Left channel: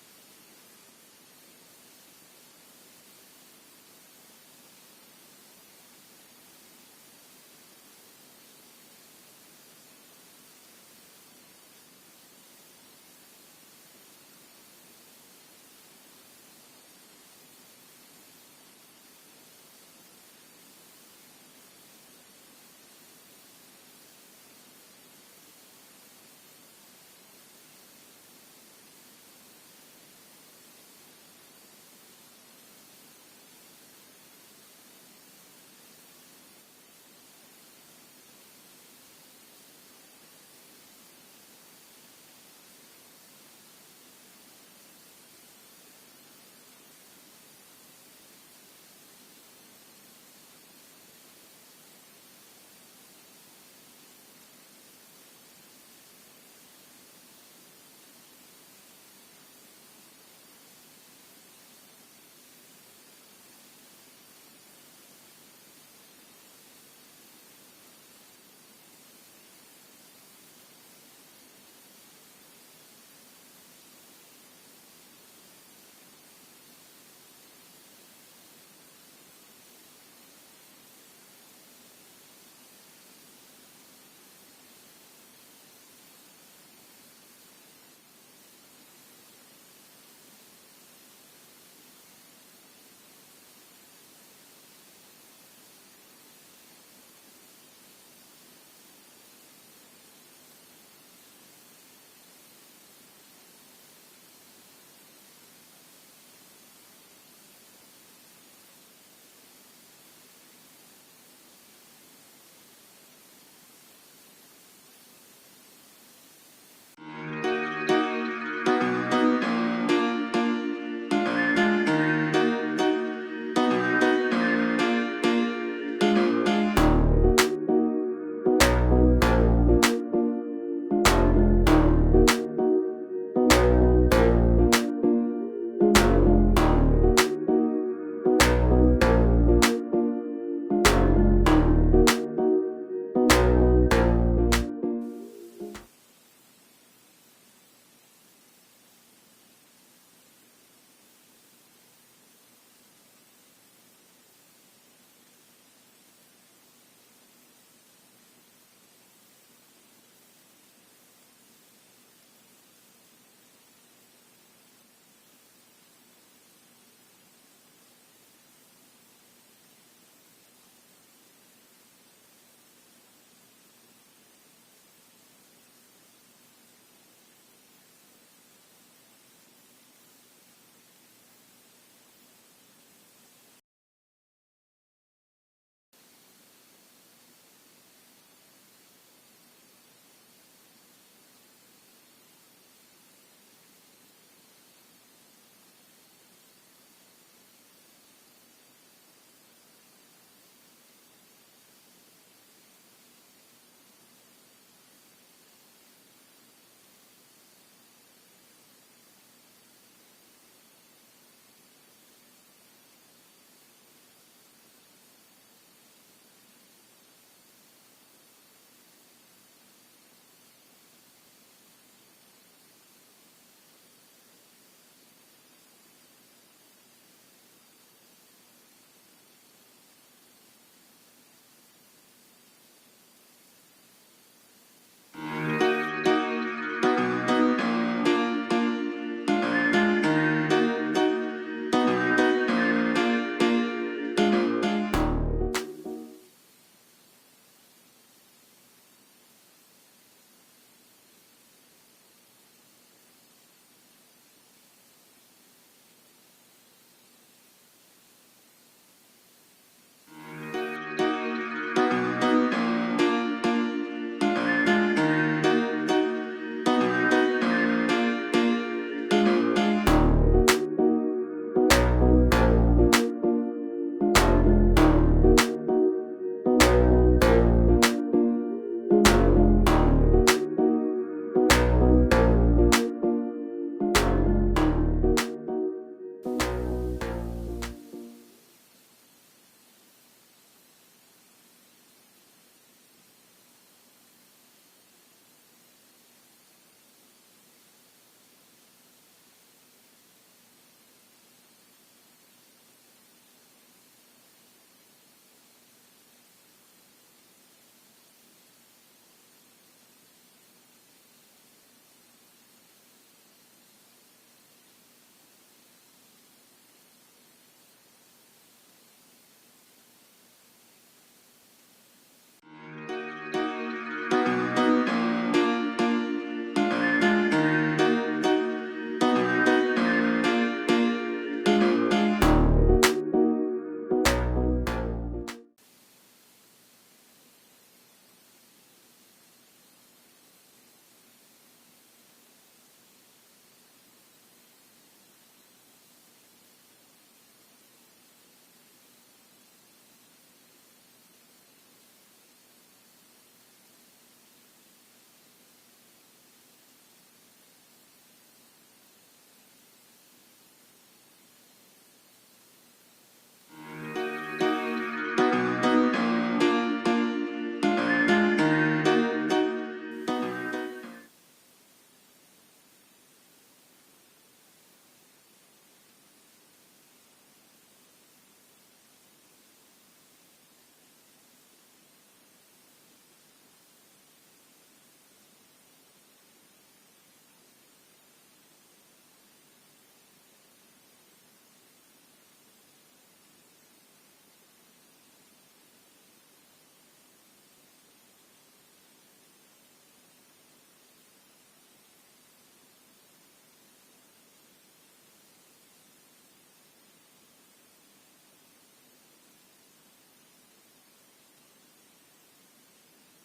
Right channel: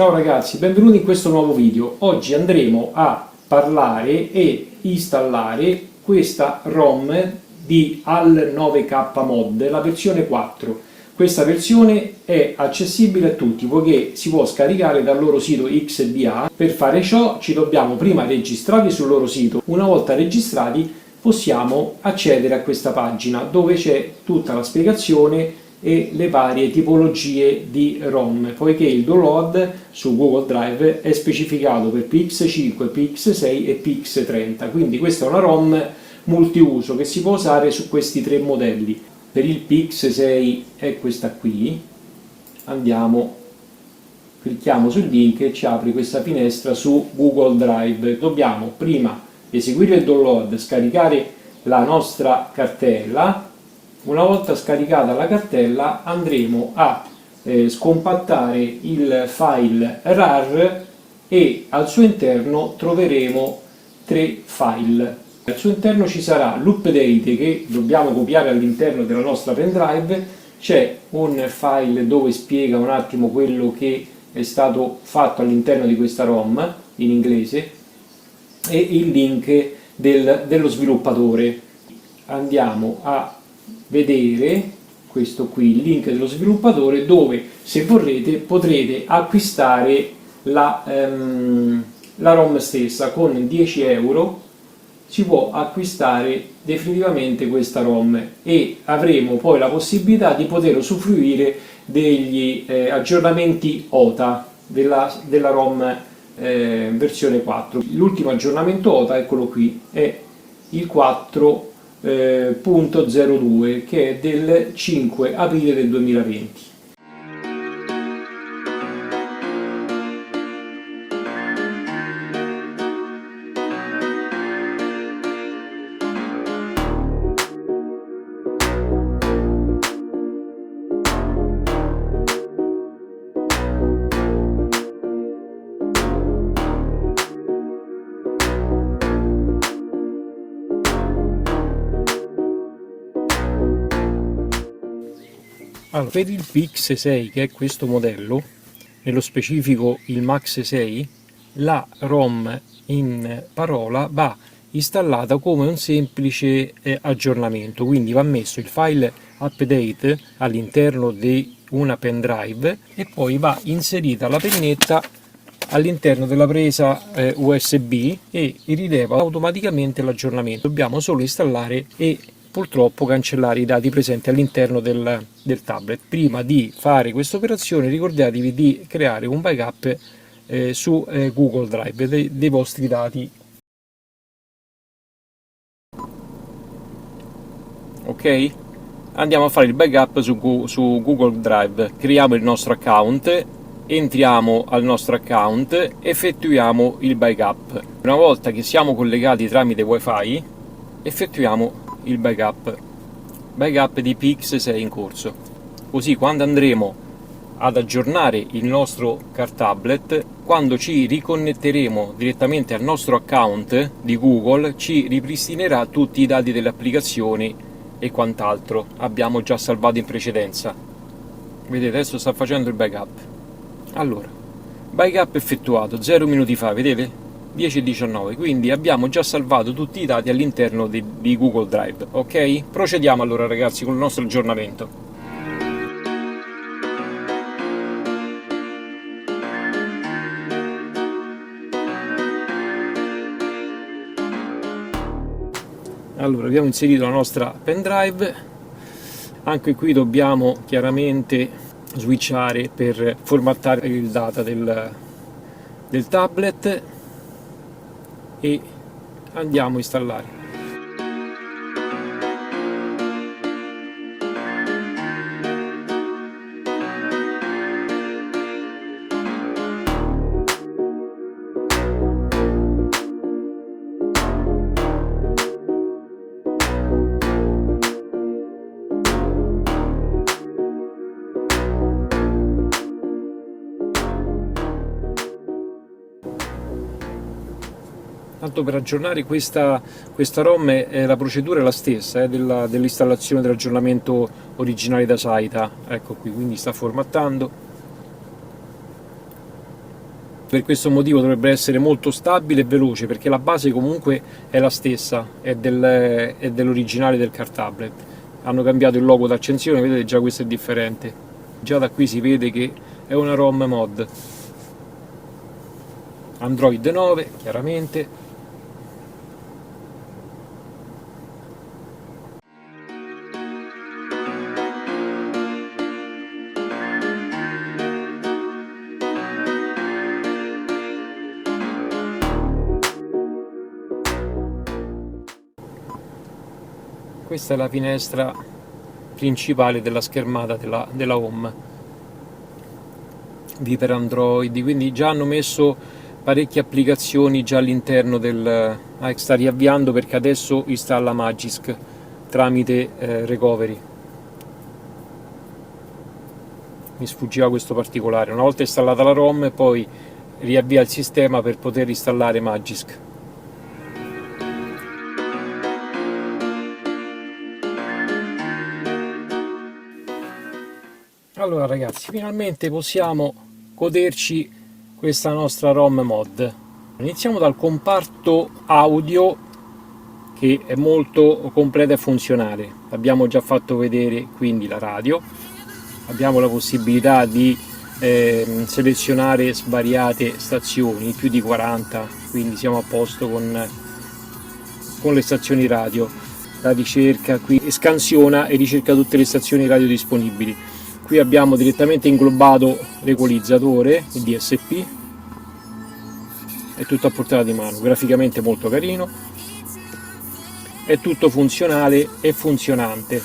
Ciao ragazzi, benvenuti in questo nuovo video. Oggi andremo a parlare e installare questa ROM di Al9K Mod, la versione 4. Questa versione è accessibile a tutti poiché si può scaricare dal loro sito XDA. Per fare ciò ci dobbiamo prima registrare sul loro sito. Una volta registrati possiamo accedere a questa pagina dove c'è tutta la spiegazione e le varie tipologie di ROM, poiché il download su Google Drive è specificato per PX5, PX6 e PX30, quindi questa è una ROM multiuso che si può usare su questi tre modelli. Per il PX6 è questa qui, clicchiamo sul link e ci apre questa finestra su Google Drive. Dobbiamo prima eseguire il download, scaricare la nostra cartella. Una volta scaricata la cartella andremo a scompattare il file RAR e al suo interno troveremo tre file. Al suo interno ci sarà l'update che dobbiamo copiare all'interno della nostra pendrive, c'è un file dove spiega un attimo quello che è stato fatto all'interno di questa ROM in inglese e il link dello sviluppatore. Andiamo a vedere questo qui, il link dello sviluppatore, dove se vorrete potrete acquistare la ROM stessa. Con 10 euro si può acquistare definitivamente questa ROM e avremo poi la possibilità di poter usufruire degli aggiornamenti OTA della ROM versione 4. L'ultimo aggiornamento OTA, eccolo qui, è il 4.02 che è del 5 aprile del 2020. Allora, per il PX6, che è questo modello, nello specifico il Max 6, la ROM in parola va installata come un semplice aggiornamento, quindi va messo il file update all'interno di una pendrive e poi va inserita la pennetta all'interno della presa USB e rileva automaticamente l'aggiornamento. Dobbiamo solo installare e purtroppo cancellare i dati presenti all'interno del tablet. Prima di fare questa operazione ricordatevi di creare un backup su Google Drive dei vostri dati. Ok? Andiamo a fare il backup su Google Drive. Creiamo il nostro account, entriamo al nostro account, effettuiamo il backup. Una volta che siamo collegati tramite wifi effettuiamo il backup di PX6 in corso, così quando andremo ad aggiornare il nostro car tablet, quando ci riconnetteremo direttamente al nostro account di Google, ci ripristinerà tutti i dati delle applicazioni e quant'altro abbiamo già salvato in precedenza. Vedete, adesso sta facendo il backup. Allora, backup effettuato 0 minuti fa, vedete? 10:19, quindi abbiamo già salvato tutti i dati all'interno di Google Drive. Ok? Procediamo allora ragazzi con il nostro aggiornamento. Allora, abbiamo inserito la nostra pendrive, anche qui dobbiamo chiaramente switchare per formattare il data del tablet e andiamo a installare. Tanto per aggiornare questa ROM la procedura è la stessa dell'installazione dell'aggiornamento originale da Saita. Ecco qui, quindi sta formattando. Per questo motivo dovrebbe essere molto stabile e veloce, perché la base comunque è la stessa, è dell'originale del cartablet. Hanno cambiato il logo d'accensione, vedete già questo è differente. Già da qui si vede che è una ROM mod. Android 9, chiaramente. Questa è la finestra principale della schermata della home di per Android, quindi già hanno messo parecchie applicazioni già all'interno del... sta riavviando perché adesso installa Magisk tramite recovery. Mi sfuggiva questo particolare. Una volta installata la ROM poi riavvia il sistema per poter installare Magisk. Allora ragazzi, finalmente possiamo goderci questa nostra ROM mod. Iniziamo dal comparto audio, che è molto completa e funzionale. Abbiamo già fatto vedere quindi la radio, abbiamo la possibilità di selezionare svariate stazioni, più di 40, quindi siamo a posto con le stazioni radio. La ricerca qui scansiona e ricerca tutte le stazioni radio disponibili. Qui abbiamo direttamente inglobato l'equalizzatore, il DSP, è tutto a portata di mano, graficamente molto carino, è tutto funzionale e funzionante.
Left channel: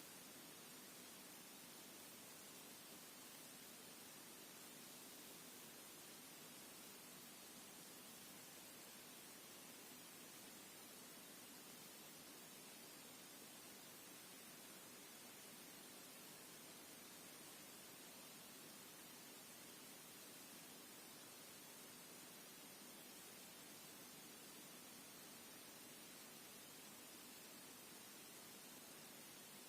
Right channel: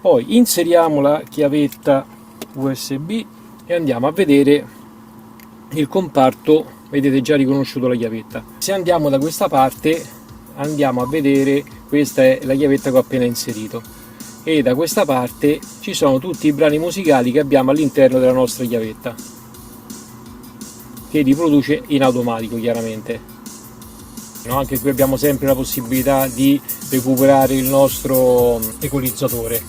Poi inseriamo la chiavetta USB e andiamo a vedere il comparto, vedete già riconosciuto la chiavetta. Se andiamo da questa parte andiamo a vedere, questa è la chiavetta che ho appena inserito, e da questa parte ci sono tutti i brani musicali che abbiamo all'interno della nostra chiavetta, che riproduce in automatico chiaramente. Anche qui abbiamo sempre la possibilità di recuperare il nostro equalizzatore.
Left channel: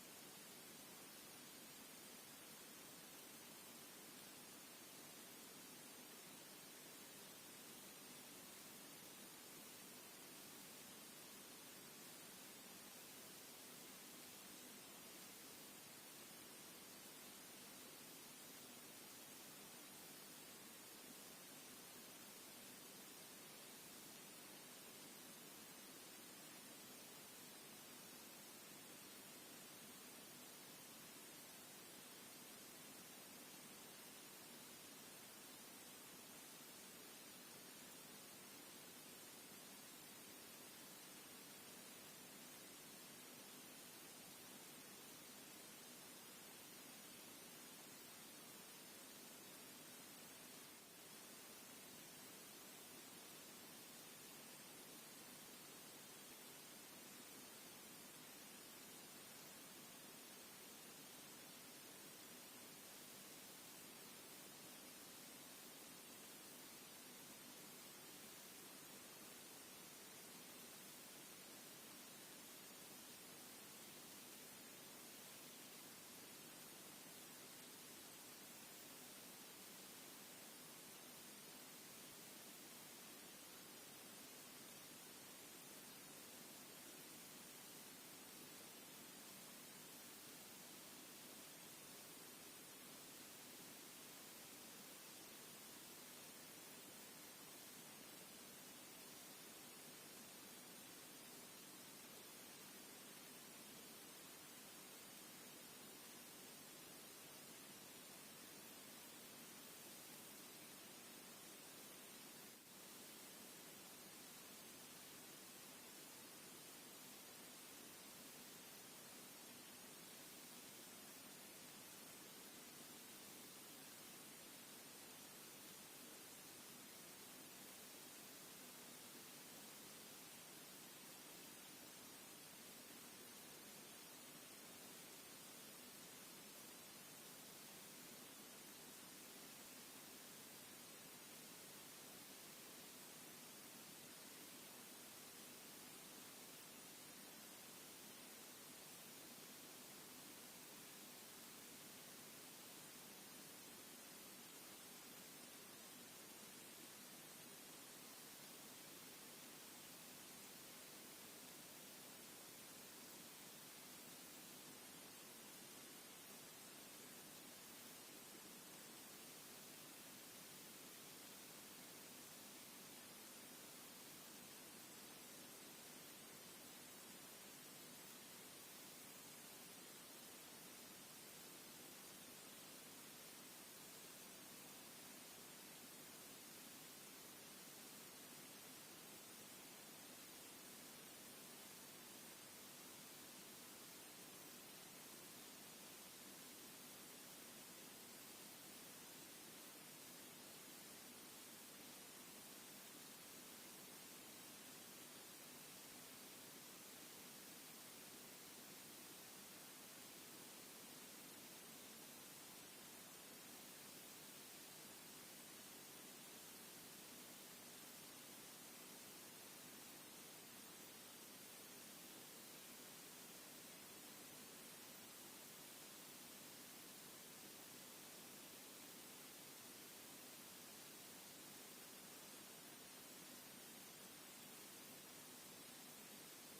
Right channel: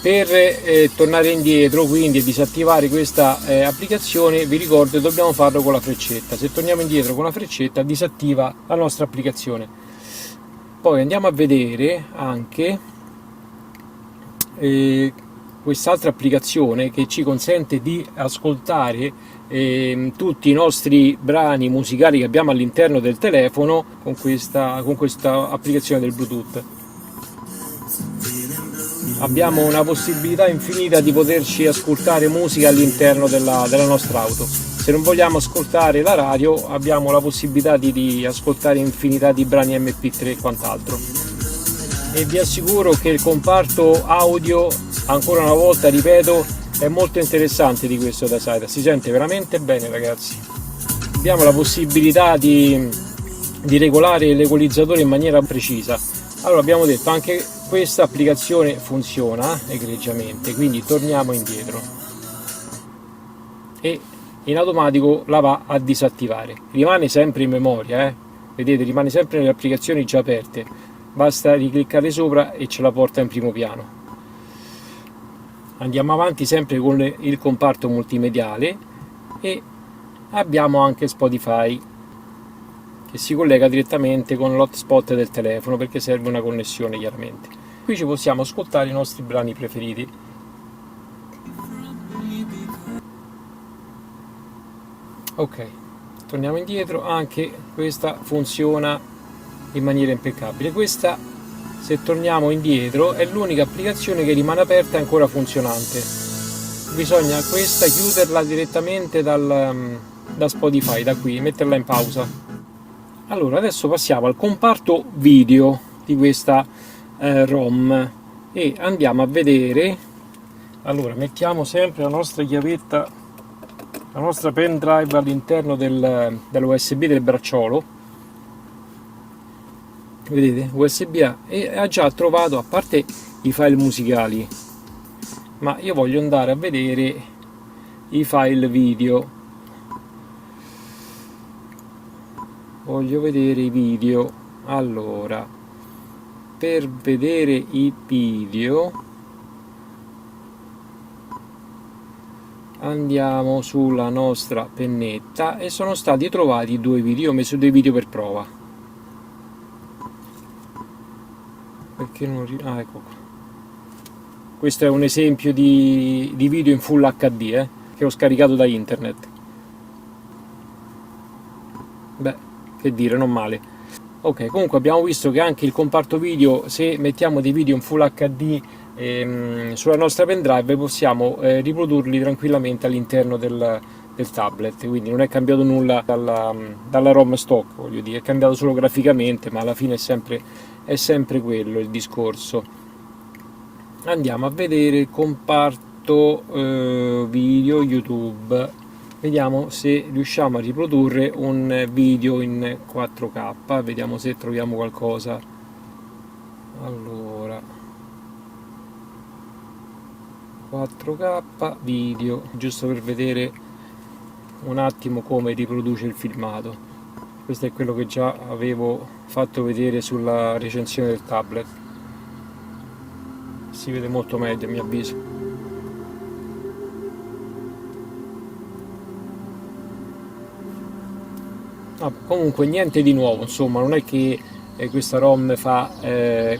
Per tornare indietro quindi e disattivare questa applicazione, vi ricordo che dobbiamo farlo con la freccetta. Se torniamo indietro con la freccetta disattiva la nostra applicazione. Poi andiamo a vedere anche quest'altra applicazione che ci consente di ascoltare tutti i nostri brani musicali che abbiamo all'interno del telefono con questa applicazione del Bluetooth. Abbiamo una possibilità infinita di poterci ascoltare musica all'interno della nostra auto. Se non vogliamo ascoltare la radio abbiamo la possibilità di ascoltare infinità di brani MP3 e quant'altro. E vi assicuro che il comparto audio, ancora una volta ripeto, è molto interessante di questo Dacside, si sente veramente bene ragazzi. Abbiamo la possibilità di regolare l'equalizzatore in maniera precisa. Allora abbiamo detto anche questa applicazione funziona egregiamente, quindi torniamo indietro e in automatico la va a disattivare. Rimane sempre in memoria, vedete, rimane sempre nelle applicazioni già aperte, basta ricliccare sopra e ce la porta in primo piano. Andiamo avanti sempre con il comparto multimediale e abbiamo anche Spotify, che si collega direttamente con l'hotspot del telefono perché serve una connessione chiaramente. Qui ci possiamo ascoltare i nostri brani preferiti. Ok, torniamo indietro, anche questa funziona in maniera impeccabile. Questa, se torniamo indietro, è l'unica applicazione che rimane aperta e ancora funzionante. Bisogna questa chiuderla direttamente da Spotify, da qui, metterla in pausa. Allora adesso passiamo al comparto video di questa ROM e andiamo a vedere. Allora mettiamo sempre la nostra chiavetta, la nostra pen drive all'interno dell'USB del bracciolo, vedete, USB A, e ha già trovato, a parte i file musicali, ma io voglio andare a vedere i file video. Voglio vedere i video. Allora, per vedere i video Andiamo sulla nostra pennetta e sono stati trovati 2 video. Io ho messo 2 video per prova. Perché non ah, ecco qua. Questo è un esempio di video in Full HD che ho scaricato da internet. Beh, che dire, non male. Ok, comunque abbiamo visto che anche il comparto video, se mettiamo dei video in Full HD sulla nostra pendrive, possiamo riprodurli tranquillamente all'interno del tablet, quindi non è cambiato nulla dalla ROM stock, voglio dire, è cambiato solo graficamente, ma alla fine è sempre quello il discorso. Andiamo a vedere il comparto video YouTube, vediamo se riusciamo a riprodurre un video in 4K, vediamo se troviamo qualcosa. Allora, 4K video, giusto per vedere un attimo come riproduce il filmato. Questo è quello che già avevo fatto vedere sulla recensione del tablet. Si vede molto meglio a mio avviso. Comunque niente di nuovo, insomma, non è che questa ROM fa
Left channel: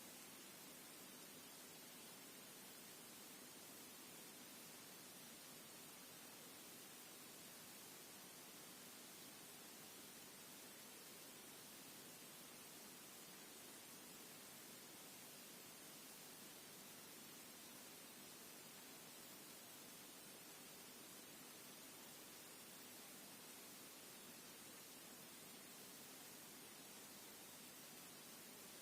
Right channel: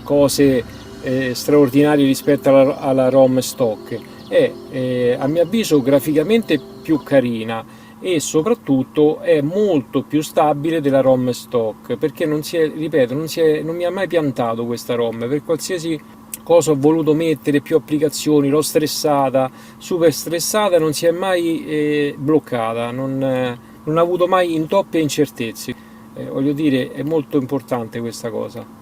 cose straordinarie rispetto alla ROM stock. È a mio avviso graficamente più carina e soprattutto è molto più stabile della ROM stock, perché non mi ha mai piantato questa ROM. Per qualsiasi cosa ho voluto mettere, più applicazioni, l'ho stressata, super stressata, non si è mai bloccata, non ha avuto mai intoppi e incertezze. Voglio dire, è molto importante questa cosa.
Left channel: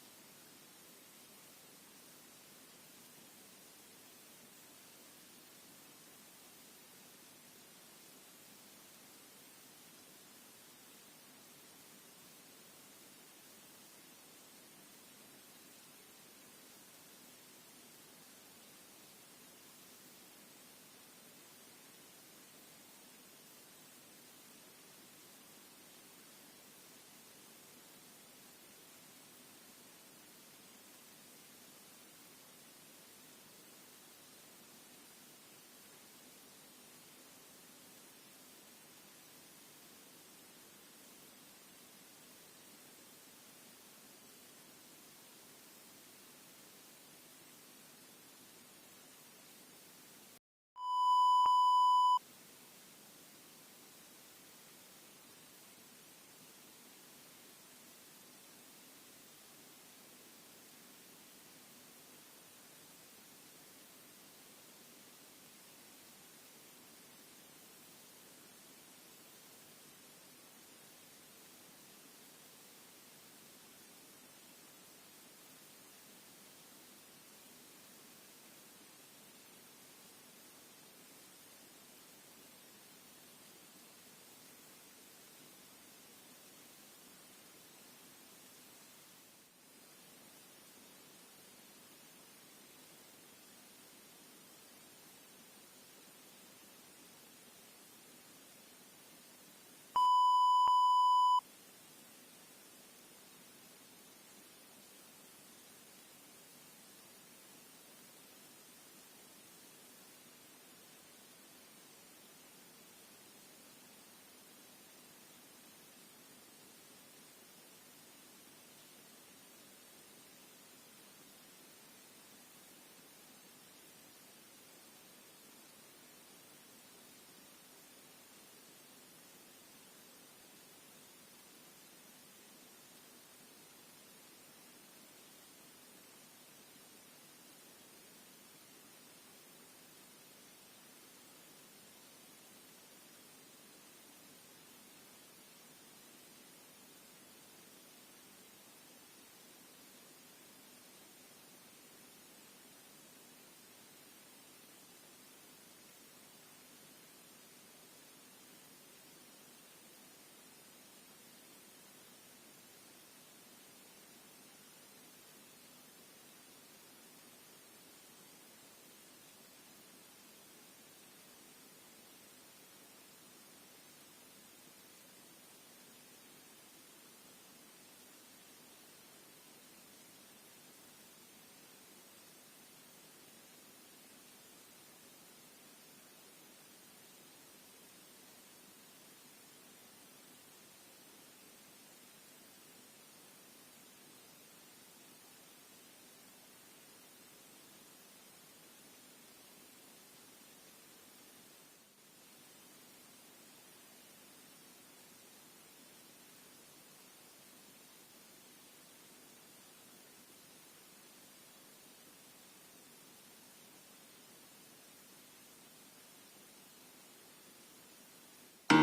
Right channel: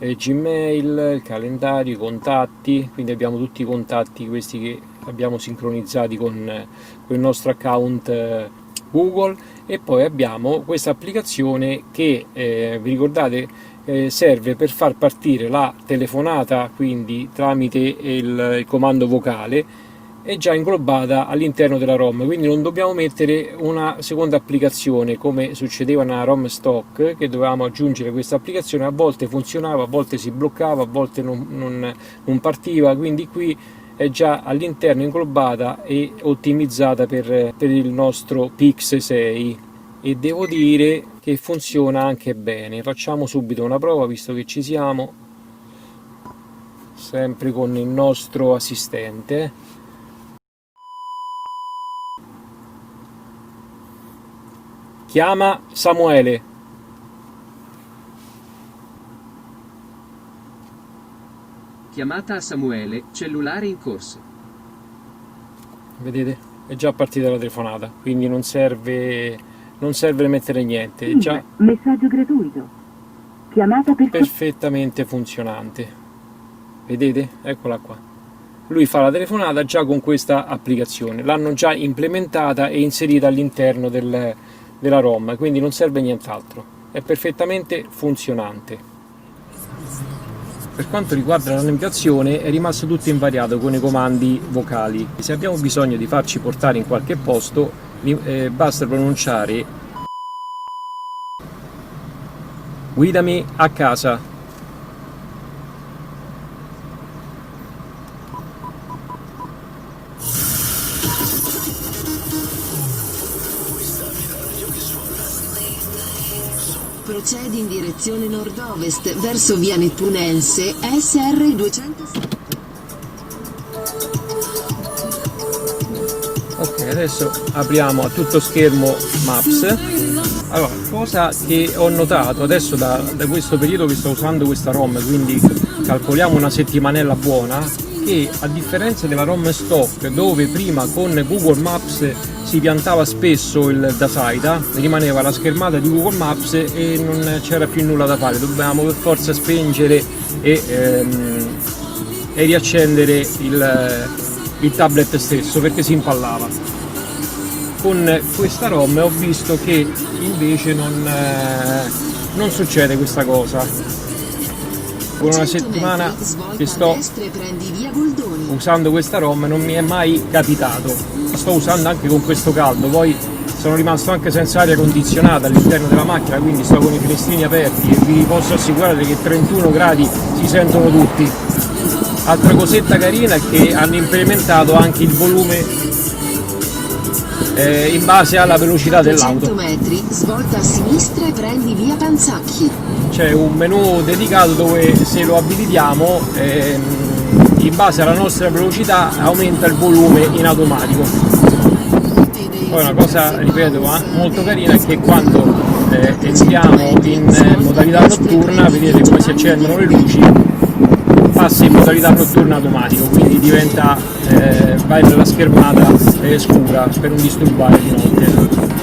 Gmail, il calendario, i contatti, quindi abbiamo tutti i contatti questi che abbiamo sincronizzati con il nostro account Google, e poi abbiamo questa applicazione che vi ricordate serve per far partire la telefonata, quindi tramite il comando vocale, è già inglobata all'interno della ROM, quindi non dobbiamo mettere una seconda applicazione come succedeva nella ROM stock, che dovevamo aggiungere questa applicazione, a volte funzionava, a volte si bloccava, a volte non partiva, quindi qui è già all'interno inglobata e ottimizzata per il nostro Pix 6, e devo dire che funziona anche bene. Facciamo subito una prova visto che ci siamo, sempre con il nostro assistente. Chiama Samuele. Chiamata a Samuele, cellulare in corso. Vedete? È già partita la telefonata, quindi non serve mettere niente, è già messaggio gratuito. Chiamata per perfettamente funzionante. Vedete? Eccola qua. Lui fa la telefonata già con questa applicazione, l'hanno già implementata e inserita all'interno della ROM, quindi non serve nient'altro, è perfettamente funzionante. Per quanto riguarda la navigazione è rimasto tutto invariato con i comandi vocali. Se abbiamo bisogno di farci portare in qualche posto basta pronunciare guidami a casa. Procedi in direzione nord-ovest verso via Nettunense SR 207. Ok, adesso apriamo a tutto schermo Maps. Allora, cosa che ho notato adesso da questo periodo che sto usando questa ROM, quindi calcoliamo una settimanella buona, che a differenza della ROM stock, dove prima con Google Maps si piantava spesso il dataITA, rimaneva la schermata di Google Maps e non c'era più nulla da fare, dovevamo per forza spengere e riaccendere il tablet stesso perché si impallava. Con questa ROM ho visto che invece non succede questa cosa. Con una settimana che sto usando questa ROM non mi è mai capitato. La sto usando anche con questo caldo, poi sono rimasto anche senza aria condizionata all'interno della macchina, quindi sto con i finestrini aperti e vi posso assicurare che 31 gradi si sentono tutti. Altra cosetta carina è che hanno implementato anche il volume in base alla velocità 300 dell'auto. metri, svolta a sinistra e prendi via Panzacchi. C'è un menu dedicato dove, se lo abilitiamo, in base alla nostra velocità aumenta il volume in automatico. Poi una cosa, ripeto, molto carina è che quando entriamo in modalità notturna, vedete come si accendono le luci, passa in modalità notturna automatico, quindi diventa vai nella schermata scura per non disturbare di notte.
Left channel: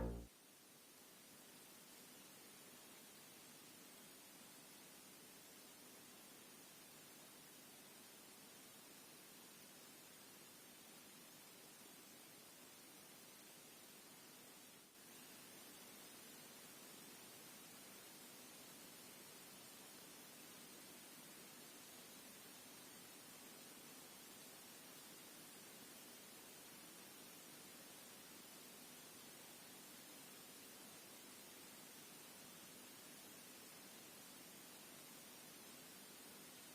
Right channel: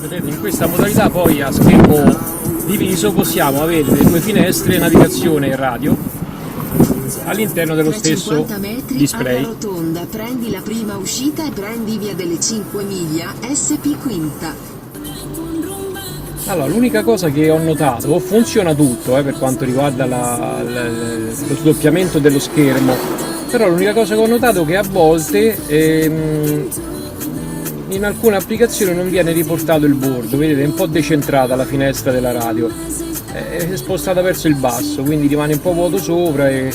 Vedete, in questa modalità poi a schermo diviso possiamo avere le due finestre, navigazione e radio all'interno dello stesso 350 metri display. alla rotonda, prendi la prima uscita e prendi via delle 5 miglia SP Quinta. Allora, l'unica cosa che ho notato, funziona tutto per quanto riguarda lo sdoppiamento dello schermo, però l'unica cosa che ho notato è che a volte in alcune applicazioni non viene riportato il bordo, vedete, è un po' decentrata la finestra della radio, è spostata verso il basso, quindi rimane un po' vuoto sopra e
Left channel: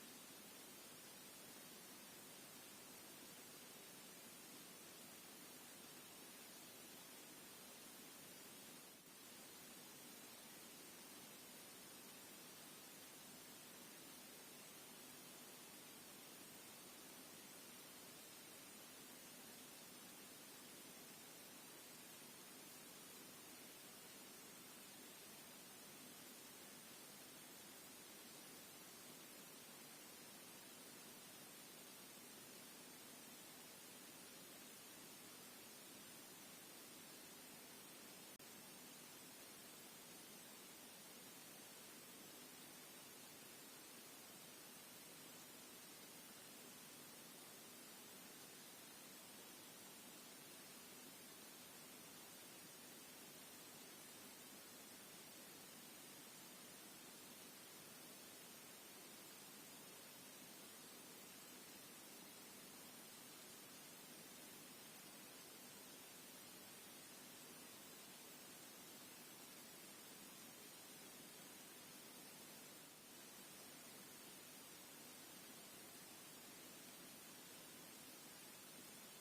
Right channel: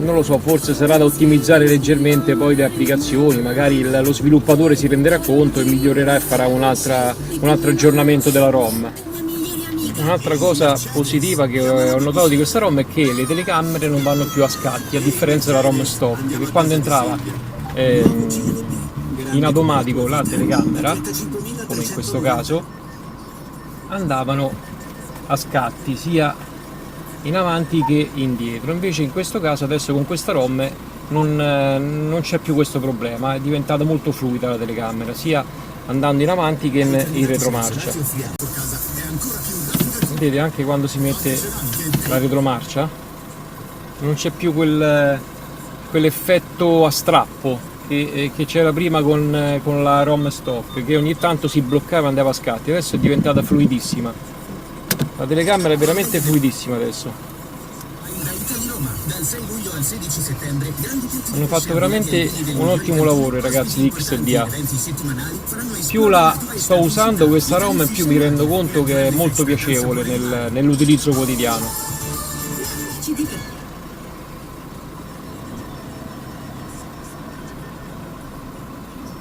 non lo so, forse sarà da ottimizzare leggermente poi le applicazioni, magari lo sviluppatore si renderà conto e migliorerà e farà un altro aggiornamento della ROM. Un'altra cosa positiva che ho notato di questa ROM è che le telecamere non vanno più a scatti, a differenza della ROM stock, che quando entrava in automatico la telecamera, come in questo caso, andavano a scatti sia in avanti che indietro. Invece in questo caso adesso con questa ROM non c'è più questo problema, è diventata molto fluida la telecamera, sia andando in avanti che in retromarcia. Vedete, anche quando si mette la retromarcia non c'è più quell'effetto a strappo che c'era prima con la ROM stock, che ogni tanto si bloccava e andava a scatti. Adesso è diventata fluidissima, la telecamera è veramente fluidissima adesso. Hanno fatto veramente un ottimo lavoro i ragazzi di XDA. Più la sto usando questa ROM, più mi rendo conto che è molto piacevole nell'utilizzo quotidiano.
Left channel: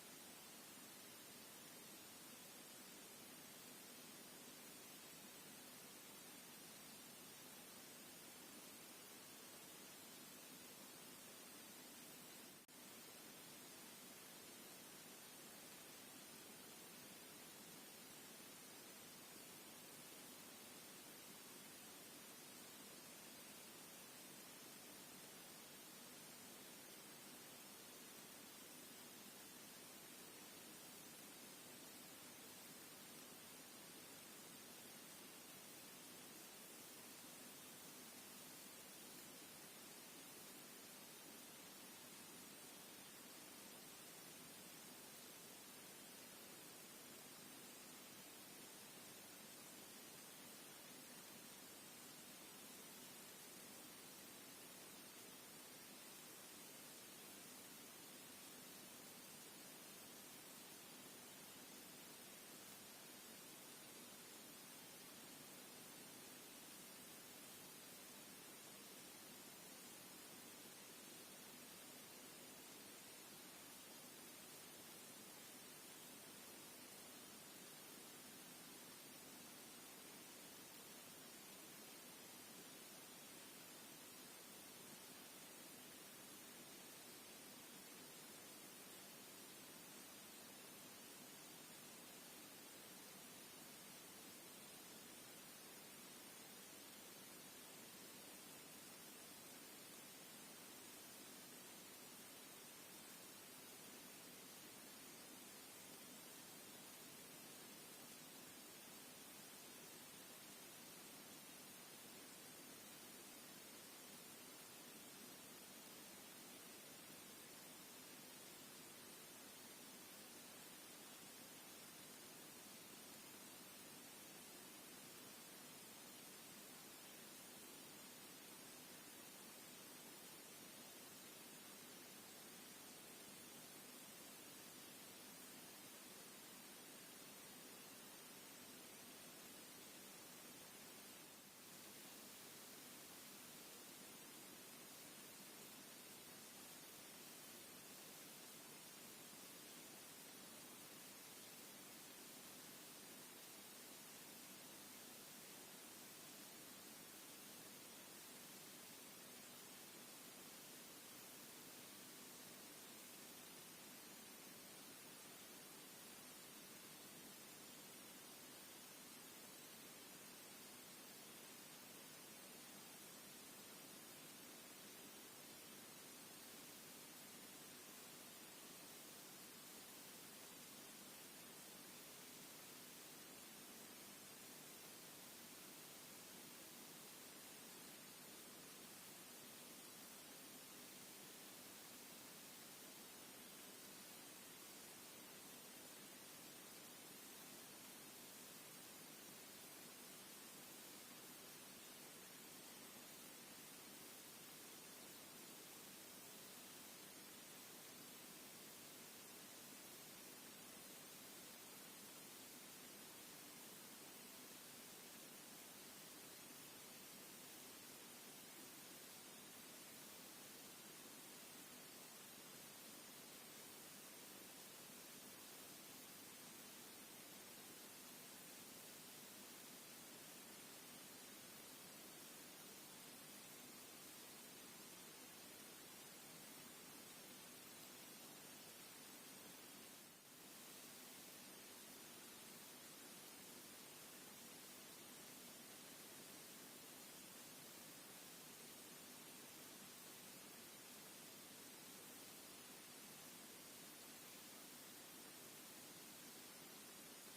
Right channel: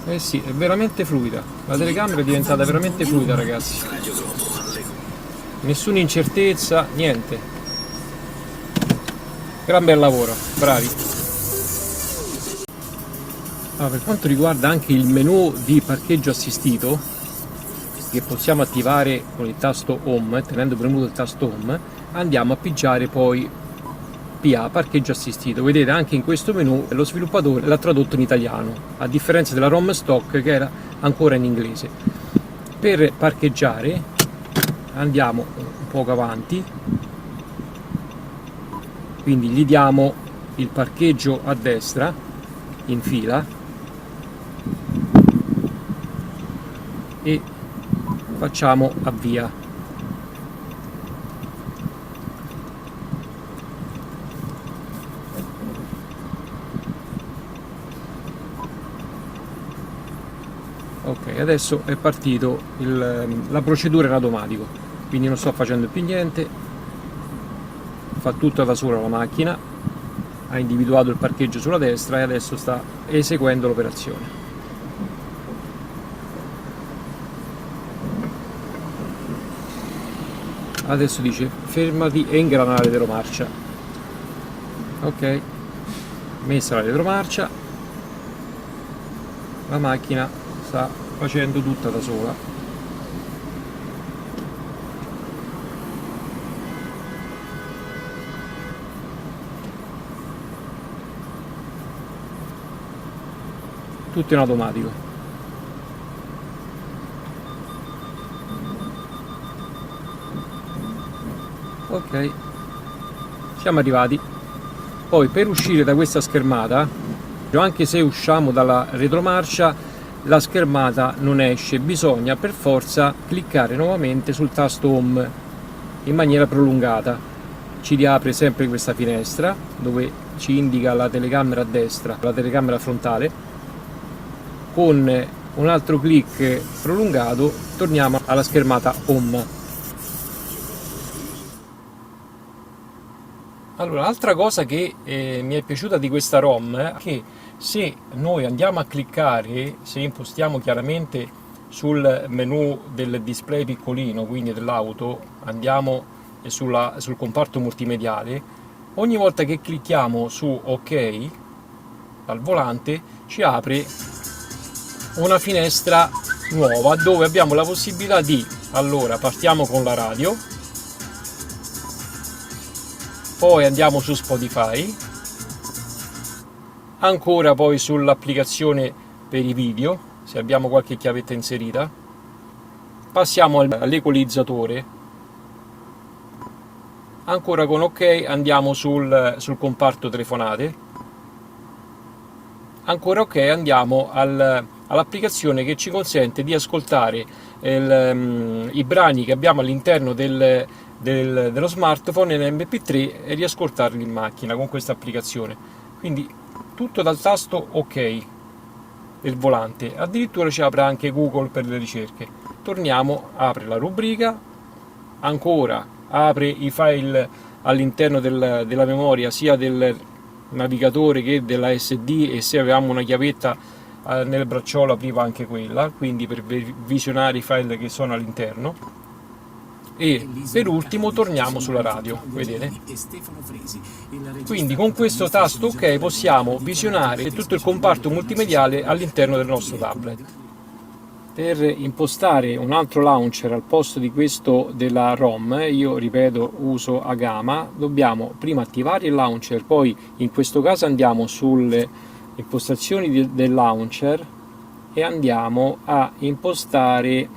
Eh sì, è veramente fluida, la telecamera è diventata veramente fluida, ragazzi. Nessuna incertezza, niente. Gran bel lavoro, bravi. Allora, per quanto riguarda anche il menu di parcheggio assistito, che possiamo attivare con il tasto Home, tenendo premuto il tasto Home, andiamo a pigiare poi PA, parcheggio assistito. Vedete, anche in questo menu lo sviluppatore l'ha tradotto in italiano, a differenza della ROM stock che era ancora in inglese. Per parcheggiare andiamo un poco avanti, quindi gli diamo il parcheggio a destra in fila e facciamo avvia. Ok, adesso è partito la procedura in automatico, quindi non sto facendo più niente, fa tutto da sola la macchina, ha individuato il parcheggio sulla destra e adesso sta eseguendo l'operazione. Adesso dice fermati e ingrana la retromarcia. Ok, messa la retromarcia, la macchina sta facendo tutta da sola. Tutto in automatico. Ok, siamo arrivati. Poi per uscire da questa schermata, anche se usciamo dalla retromarcia, la schermata non esce, bisogna per forza cliccare nuovamente sul tasto Home in maniera prolungata. ci riapre sempre questa finestra dove ci indica la telecamera a destra, la telecamera frontale. Con un altro clic prolungato torniamo alla schermata home. Allora, altra cosa che mi è piaciuta di questa ROM è che se noi andiamo a cliccare, se impostiamo chiaramente sul menu del display piccolino, quindi dell'auto, andiamo sul comparto multimediale, ogni volta che clicchiamo su OK al volante ci apre una finestra nuova dove abbiamo la possibilità di, allora partiamo con la radio, poi andiamo su Spotify, ancora poi sull'applicazione per i video, se abbiamo qualche chiavetta inserita, passiamo all'equalizzatore, ancora con OK andiamo sul comparto telefonate, ancora OK andiamo all'applicazione che ci consente di ascoltare i brani che abbiamo all'interno dello smartphone in MP3 e riascoltarli in macchina con questa applicazione. Quindi tutto dal tasto OK del volante, addirittura ci apre anche Google per le ricerche. Torniamo, apre la rubrica, ancora apre i file all'interno della memoria sia del navigatore che della SD, e se avevamo una chiavetta nel bracciolo apriva anche quella, quindi per visionare i file che sono all'interno. E per ultimo torniamo sulla radio, vedete? Quindi con questo tasto OK possiamo visionare tutto il comparto multimediale all'interno del nostro tablet. Per impostare un altro launcher al posto di questo della ROM, io ripeto uso Agama, dobbiamo prima attivare il launcher, poi in questo caso andiamo sulle impostazioni del launcher e andiamo a impostare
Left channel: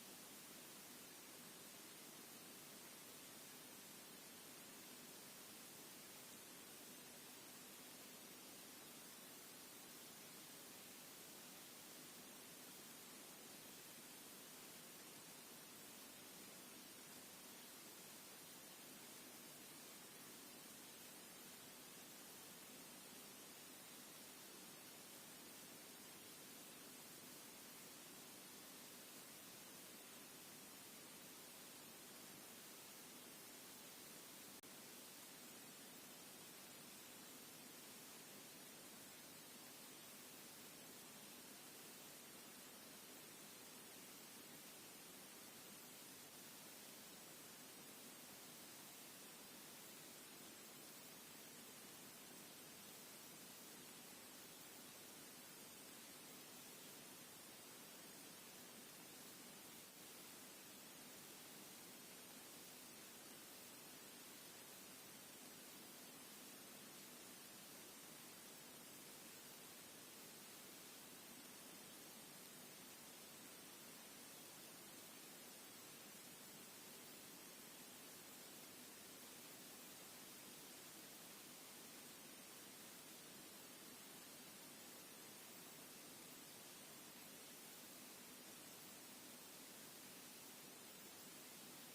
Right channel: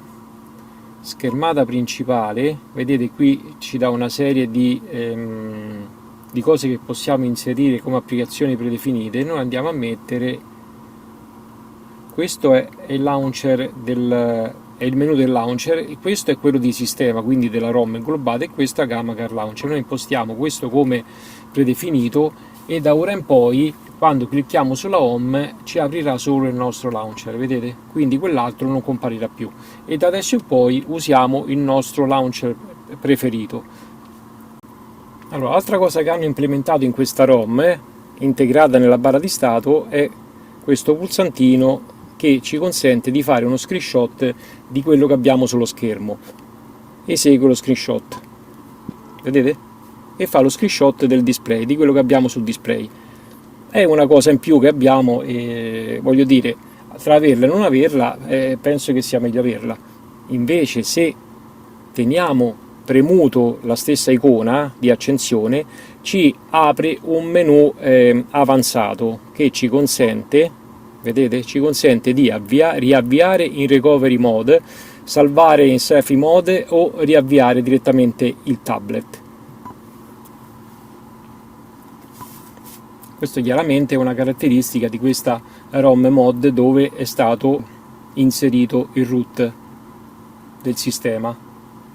schermata principale. Vedete qui ci dà una serie di cose che possiamo inserire come applicazioni predefinite. Noi andiamo a mettere, questo è il launcher è il menu del launcher, e questo è quello di sistema, quindi della ROM inglobata, e questo è Gamma Car Launcher. Noi impostiamo questo come predefinito e da ora in poi quando clicchiamo sulla home ci aprirà solo il nostro launcher, vedete? Quindi quell'altro non comparirà più, e da adesso in poi usiamo il nostro launcher preferito. Allora, altra cosa che hanno implementato in questa ROM integrata nella barra di stato è questo pulsantino che ci consente di fare uno screenshot di quello che abbiamo sullo schermo. Esegue lo screenshot, vedete? E fa lo screenshot del display, di quello che abbiamo sul display. È una cosa in più che abbiamo, e voglio dire, tra averla e non averla, penso che sia meglio averla. Invece se teniamo premuto la stessa icona di accensione ci apre un menu avanzato che ci consente, vedete, ci consente di riavviare in recovery mode, salvare in selfie mode o riavviare direttamente il tablet. Questo chiaramente è una caratteristica di questa ROM mod dove è stato inserito il root del sistema,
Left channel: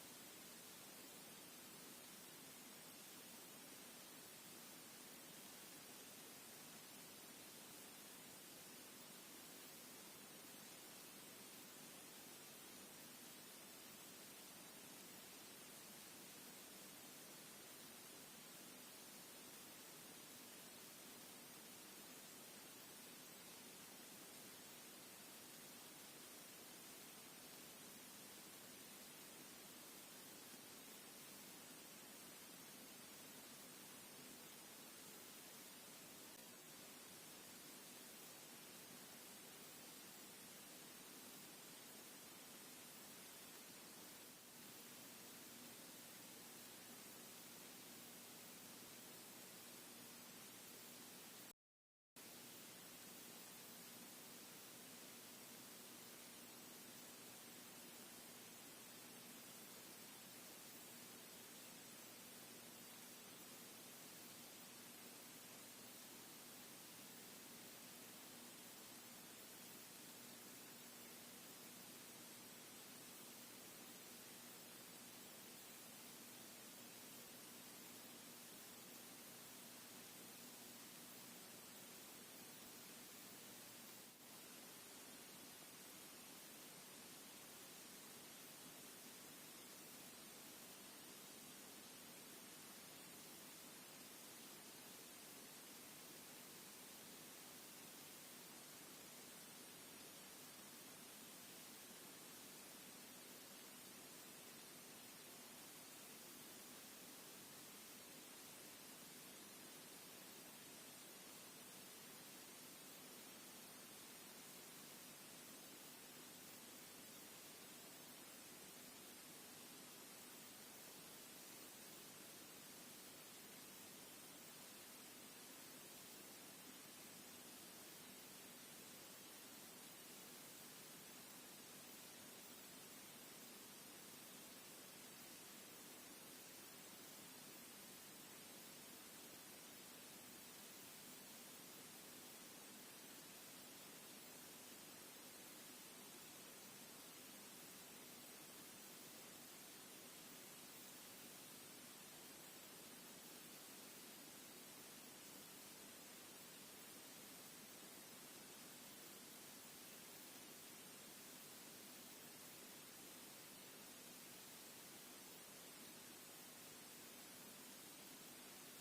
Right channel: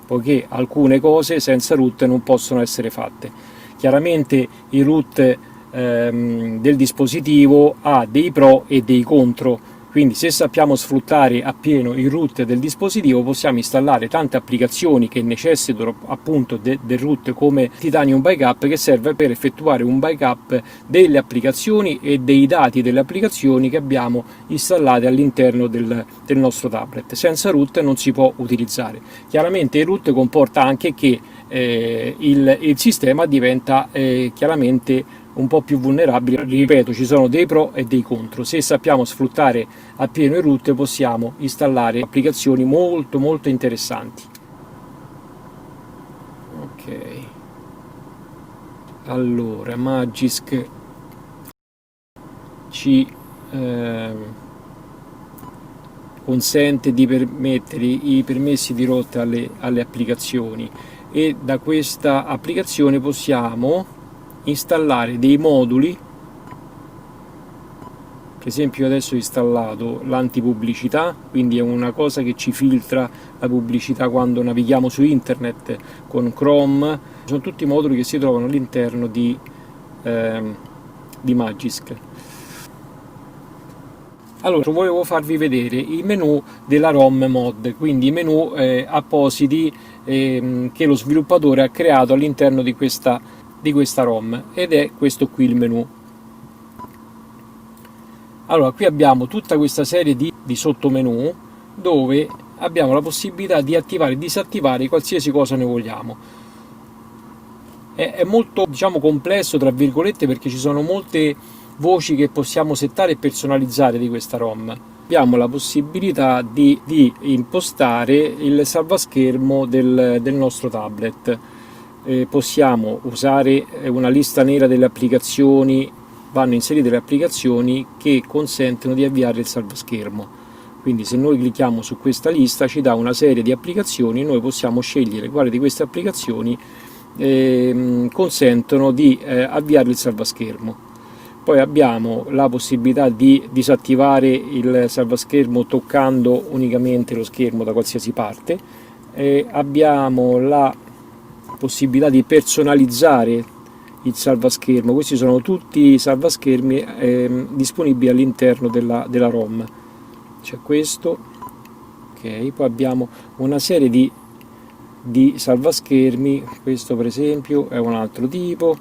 poiché alcune cose senza root non possono essere fatte. Chiaramente il root del dispositivo ha dei pro e dei contro, quindi se sappiamo sfruttare appieno il root del dispositivo possiamo installare tante applicazioni che necessitano appunto del root, come Titanium Backup, che serve per effettuare un backup delle applicazioni e dei dati delle applicazioni che abbiamo installate all'interno del nostro tablet. Senza root non si può utilizzare. Chiaramente il root comporta anche che il sistema diventa chiaramente un po' più vulnerabile. Ripeto, ci sono dei pro e dei contro. Se sappiamo sfruttare appieno il root possiamo installare applicazioni molto molto interessanti. Ok, allora Magisk ci consente di permettere i permessi di rotta alle applicazioni, e da questa applicazione possiamo installare dei moduli Per esempio adesso ho installato l'antipubblicità, quindi è una cosa che ci filtra la pubblicità quando navighiamo su internet con Chrome. Sono tutti moduli che si trovano all'interno di Magisk. Allora, volevo farvi vedere i menu della ROM mod, quindi i menu appositi che lo sviluppatore ha creato all'interno di questa ROM, ed è questo qui il menu. Allora, qui abbiamo tutta questa serie di sottomenu dove abbiamo la possibilità di attivare e disattivare qualsiasi cosa noi vogliamo. È molto, diciamo, complesso, tra virgolette, perché ci sono molte voci che possiamo settare e personalizzare di questa ROM. Abbiamo la possibilità di impostare il salvaschermo del nostro tablet. Possiamo usare una lista nera delle applicazioni, vanno inserite le applicazioni che consentono di avviare il salvaschermo. Quindi se noi clicchiamo su questa lista ci dà una serie di applicazioni, noi possiamo scegliere quale di queste applicazioni consentono di avviare il salvaschermo. Poi abbiamo la possibilità di disattivare il salvaschermo toccando unicamente lo schermo da qualsiasi parte. Abbiamo la possibilità di personalizzare il salvaschermo. Questi sono tutti i salvaschermi disponibili all'interno della ROM. C'è questo, ok. Poi abbiamo una serie di salvaschermi, questo per esempio è un altro tipo,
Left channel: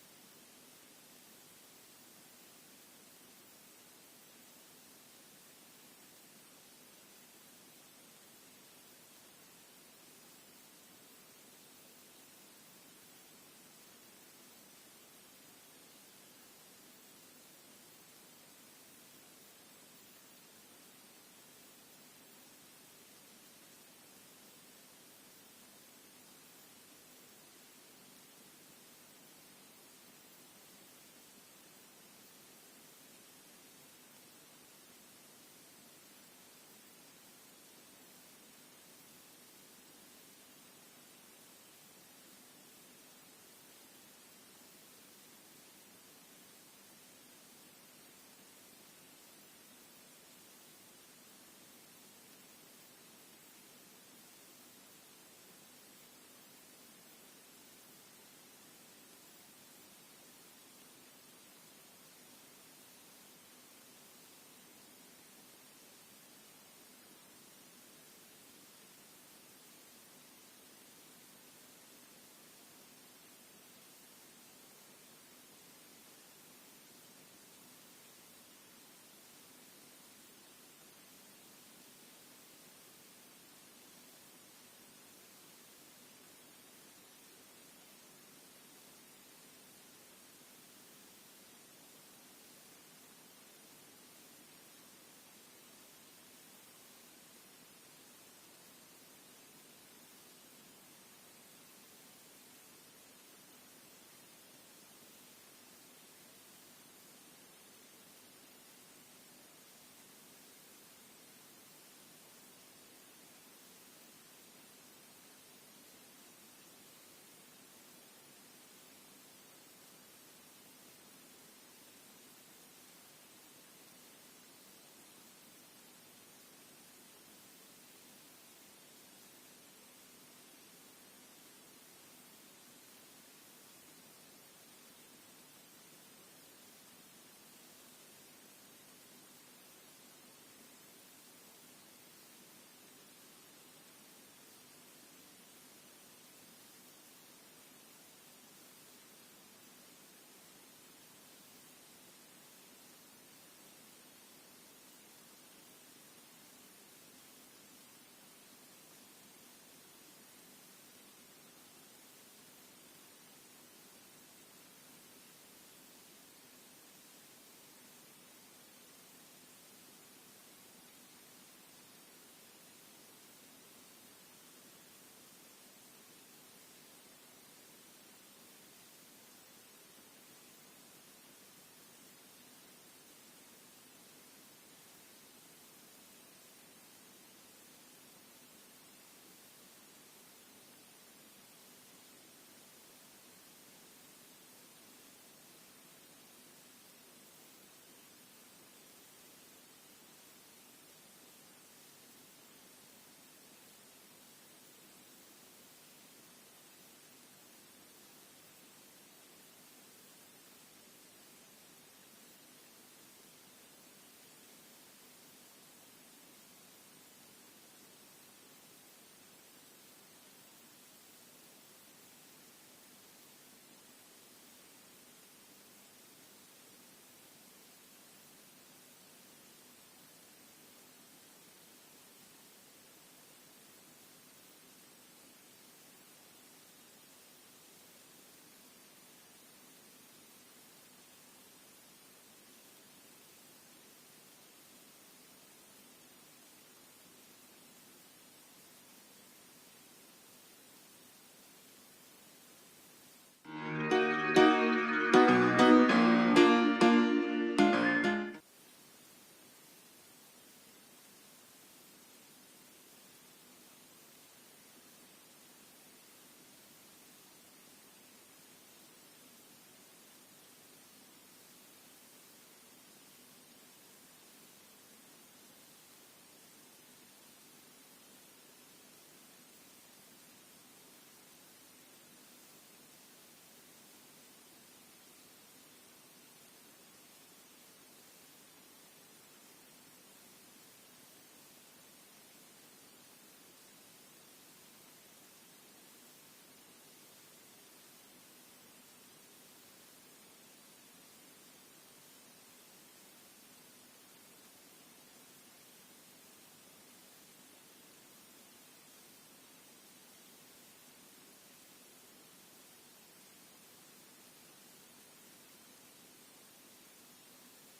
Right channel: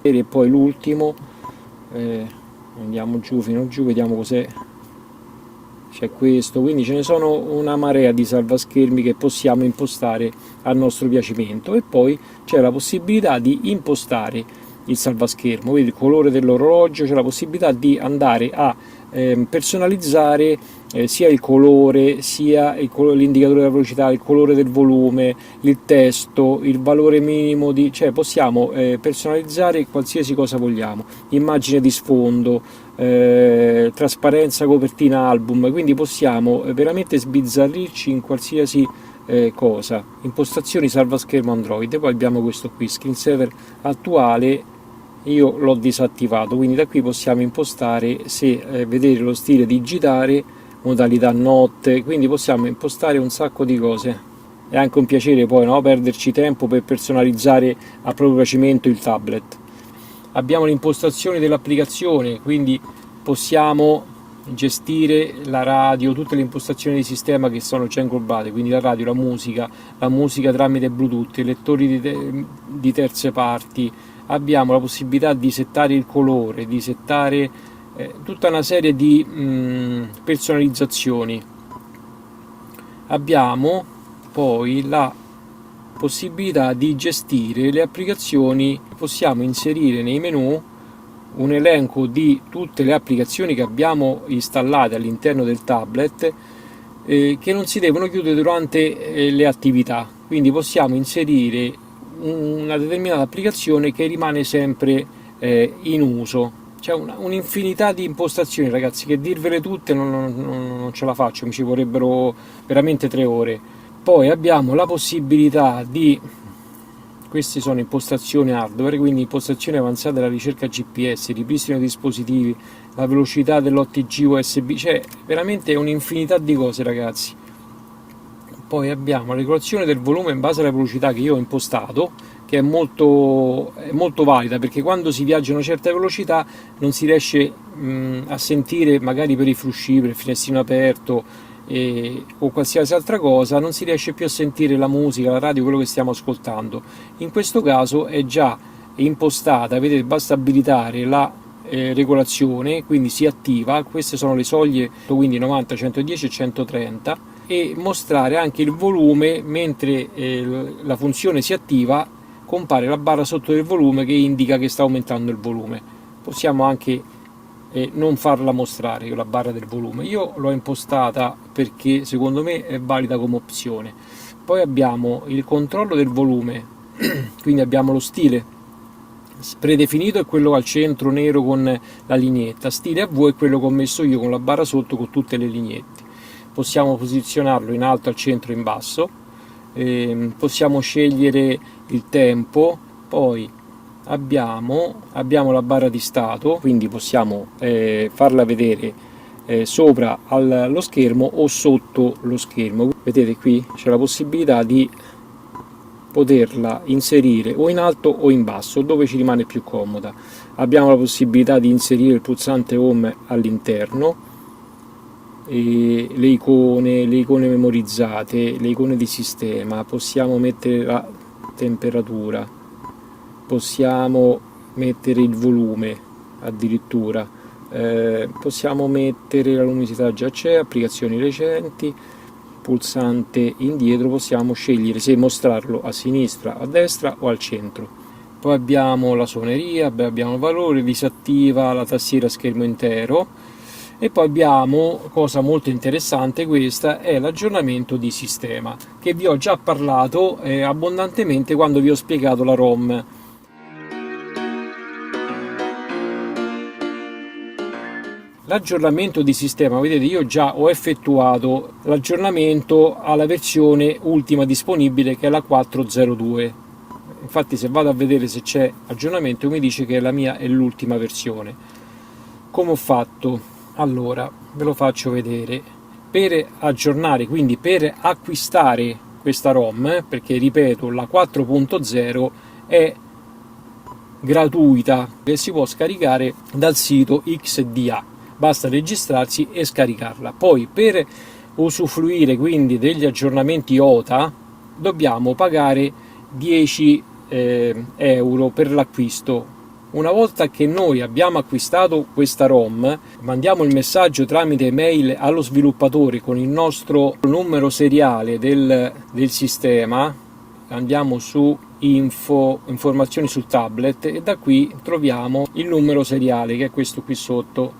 e poi l'ultimo, andiamo giù fino giù, vediamo cos'è. C'è questo, quindi ce ne sono una marea di salvaschermi che possiamo impostare a nostro piacimento. E poi c'è la possibilità di impostare il salvaschermo, quindi il colore dell'orologio, c'è la possibilità di andare a personalizzare sia il colore, sia l'indicatore della velocità, il colore del volume, il testo, il valore minimo cioè possiamo personalizzare qualsiasi cosa vogliamo, immagine di sfondo, trasparenza, copertina album, quindi possiamo veramente sbizzarrirci in qualsiasi cosa. Impostazioni salvaschermo Android. Poi abbiamo questo qui, screensaver attuale, io l'ho disattivato, quindi da qui possiamo impostare se vedere lo stile digitale, modalità notte, quindi possiamo impostare un sacco di cose. È anche un piacere poi, no, perderci tempo per personalizzare a proprio piacimento il tablet. Abbiamo le impostazioni dell'applicazione, quindi possiamo gestire la radio, tutte le impostazioni di sistema che sono già inglobate, quindi la radio, la musica tramite Bluetooth, i lettori di terze parti. Abbiamo la possibilità di settare il colore, di settare tutta una serie di personalizzazioni. Abbiamo poi la possibilità di gestire le applicazioni. Possiamo inserire nei menu un elenco di tutte le applicazioni che abbiamo installate all'interno del tablet che non si devono chiudere durante le attività, quindi possiamo inserire una determinata applicazione che rimane sempre in uso. C'è un'infinità di impostazioni, ragazzi, che dirvele tutte non ce la faccio, mi ci vorrebbero veramente 3 ore. Poi abbiamo la possibilità di, queste sono impostazioni hardware, quindi impostazioni avanzate della ricerca GPS, ripristino dei dispositivi, la velocità dell'OTG USB, cioè veramente un'infinità di cose, ragazzi. Poi abbiamo la regolazione del volume in base alla velocità che io ho impostato, che è molto valida, perché quando si viaggia a una certa velocità non si riesce a sentire, magari per i frusci, per il finestrino aperto o qualsiasi altra cosa, non si riesce più a sentire la musica, la radio, quello che stiamo ascoltando. In questo caso è già impostata, vedete, basta abilitare la regolazione, quindi si attiva. Queste sono le soglie, quindi 90, 110 e 130, e mostrare anche il volume. Mentre la funzione si attiva, compare la barra sotto del volume che indica che sta aumentando il volume. Possiamo anche non farla mostrare la barra del volume. Io l'ho impostata perché secondo me è valida come opzione. Poi abbiamo il controllo del volume, quindi abbiamo lo stile predefinito, è quello al centro nero con la lineetta. Stile a V è quello che ho messo io con la barra sotto con tutte le lineette. Possiamo posizionarlo in alto, al centro e in basso. Possiamo scegliere il tempo. Poi abbiamo la barra di stato, quindi possiamo farla vedere sopra lo schermo o sotto lo schermo. Vedete qui c'è la possibilità di poterla inserire o in alto o in basso, dove ci rimane più comoda. Abbiamo la possibilità di inserire il pulsante home all'interno, e le icone memorizzate, le icone di sistema, possiamo mettere la temperatura, possiamo mettere il volume addirittura, possiamo mettere la luminosità, già c'è, applicazioni recenti, pulsante indietro, possiamo scegliere se mostrarlo a sinistra, a destra o al centro. Poi abbiamo la suoneria, abbiamo il valore, disattiva la tastiera a schermo intero. E poi abbiamo, cosa molto interessante, questa è l'aggiornamento di sistema, che vi ho già parlato abbondantemente quando vi ho spiegato la ROM. L'aggiornamento di sistema, vedete, io già ho effettuato l'aggiornamento alla versione ultima disponibile, che è la 4.02. Infatti se vado a vedere se c'è aggiornamento mi dice che la mia è l'ultima versione. Come ho fatto? Allora, ve lo faccio vedere. Per aggiornare, quindi per acquistare questa ROM, perché ripeto, la 4.0 è gratuita e si può scaricare dal sito XDA, basta registrarsi e scaricarla. Poi per usufruire quindi degli aggiornamenti OTA dobbiamo pagare 10 euro per l'acquisto. Una volta che noi abbiamo acquistato questa ROM, mandiamo il messaggio tramite mail allo sviluppatore con il nostro numero seriale del sistema, andiamo su info, informazioni sul tablet, e da qui troviamo il numero seriale, che è questo qui sotto,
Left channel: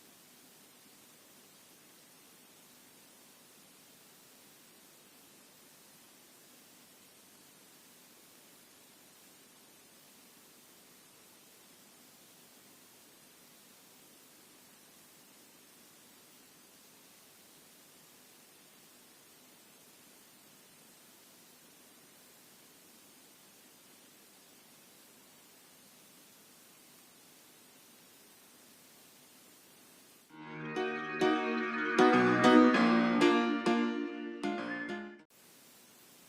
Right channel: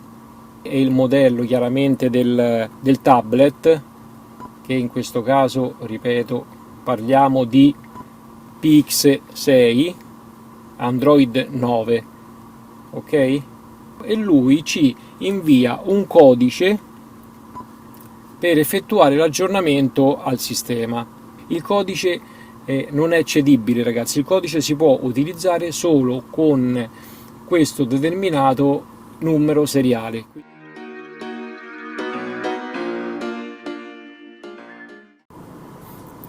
e il modello chiaramente del tablet, che in questo caso, ripeto, parliamo di PX6 Android 9, ok? E lui ci invia un codice per effettuare l'aggiornamento al sistema. Il codice non è cedibile, ragazzi, il codice si può utilizzare solo con questo determinato numero seriale.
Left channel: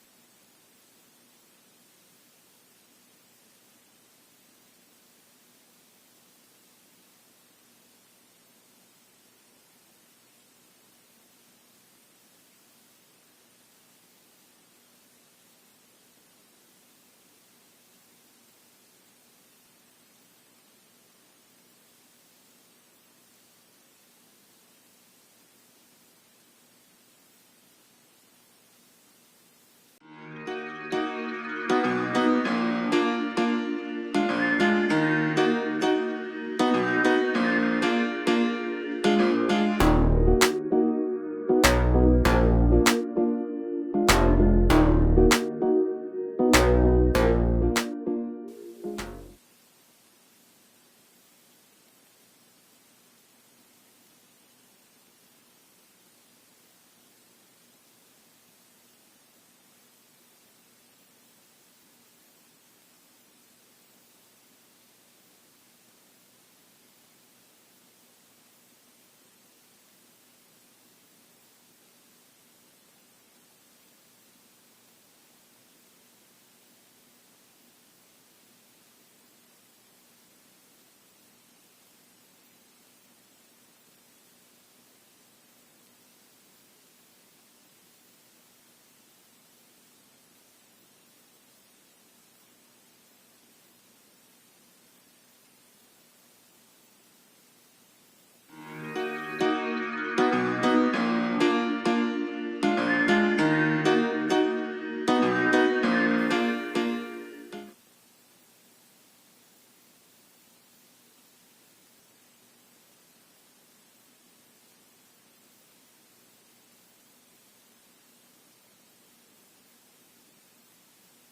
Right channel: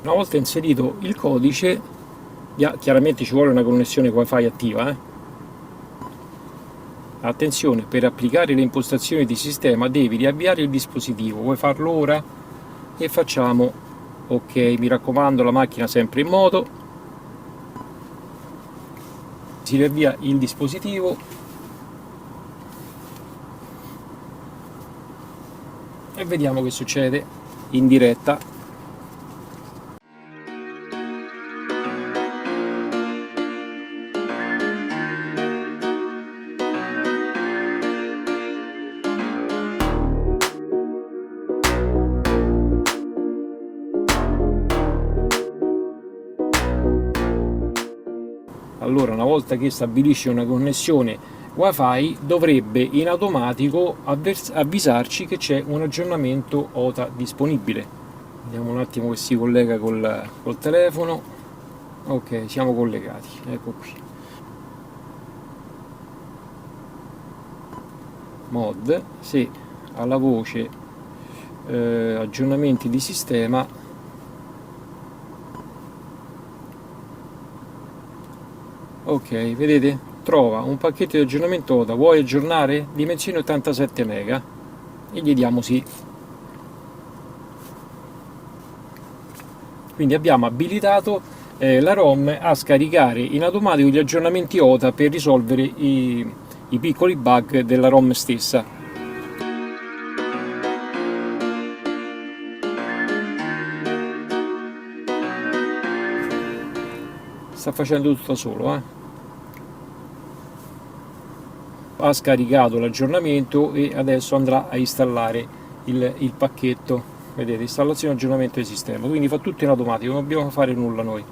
Una volta inserito il codice, chiaramente ci vuole una connessione wifi attiva. Attenzione, per applicare le impostazioni di sistema devi riavviare il dispositivo. Vuoi farlo ora? E facciamo ok. Mi raccomando, la macchina sempre in moto. Si riavvia il dispositivo e vediamo che succede in diretta. Allora, una volta che stabilisce una connessione wifi, dovrebbe in automatico avvisarci che c'è un aggiornamento OTA disponibile. Vediamo un attimo che si collega col telefono. Ok, siamo collegati, ecco qui. Mod, se alla voce aggiornamenti di sistema, ok, vedete? Trova un pacchetto di aggiornamento OTA, vuoi aggiornare? Dimensione 87 MB e gli diamo sì. Quindi abbiamo abilitato la ROM a scaricare in automatico gli aggiornamenti OTA per risolvere i piccoli bug della ROM stessa. Sta facendo tutto da solo, Ha scaricato l'aggiornamento e adesso andrà a installare il pacchetto. Vedete, installazione e aggiornamento del sistema, quindi fa tutto in automatico, non dobbiamo fare nulla noi.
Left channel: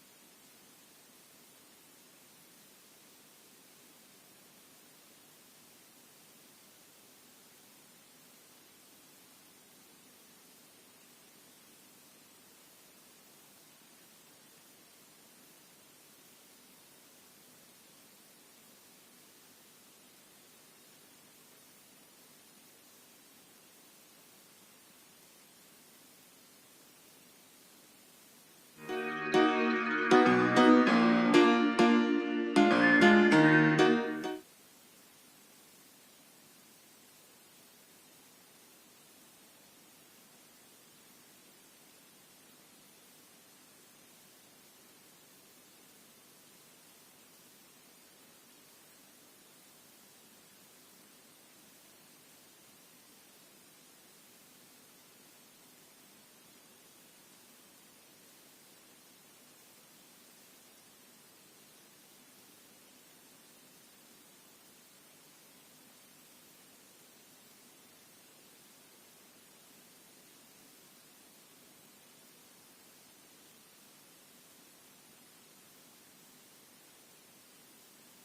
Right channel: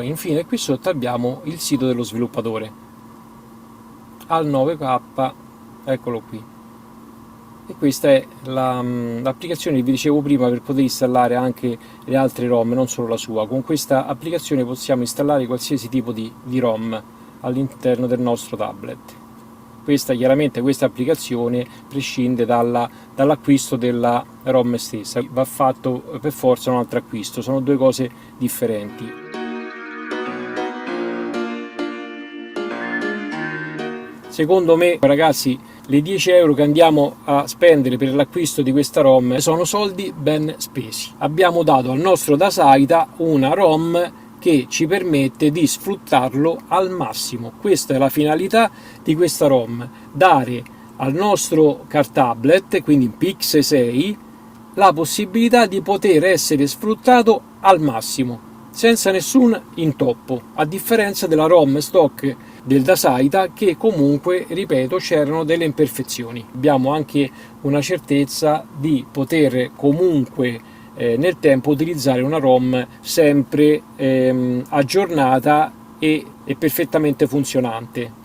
Poi infine qui sotto abbiamo il sito dello sviluppatore al 9K, eccolo qui. E questa è l'applicazione che vi dicevo prima per poter installare anche le altre ROM, non solo la sua. Con questa applicazione possiamo installare qualsiasi tipo di ROM all'interno del nostro tablet. Chiaramente questa applicazione prescinde dall'acquisto della ROM stessa, va fatto per forza un altro acquisto, sono due cose differenti. Secondo me, ragazzi, le 10 euro che andiamo a spendere per l'acquisto di questa ROM sono soldi ben spesi. Abbiamo dato al nostro Dasaita una ROM che ci permette di sfruttarlo al massimo. Questa è la finalità di questa ROM, dare al nostro car tablet, quindi Pixel 6, la possibilità di poter essere sfruttato al massimo, senza nessun intoppo, a differenza della ROM stock del Dasaita, che comunque, ripeto, c'erano delle imperfezioni. Abbiamo anche una certezza di poter comunque nel tempo utilizzare una ROM sempre aggiornata e perfettamente funzionante.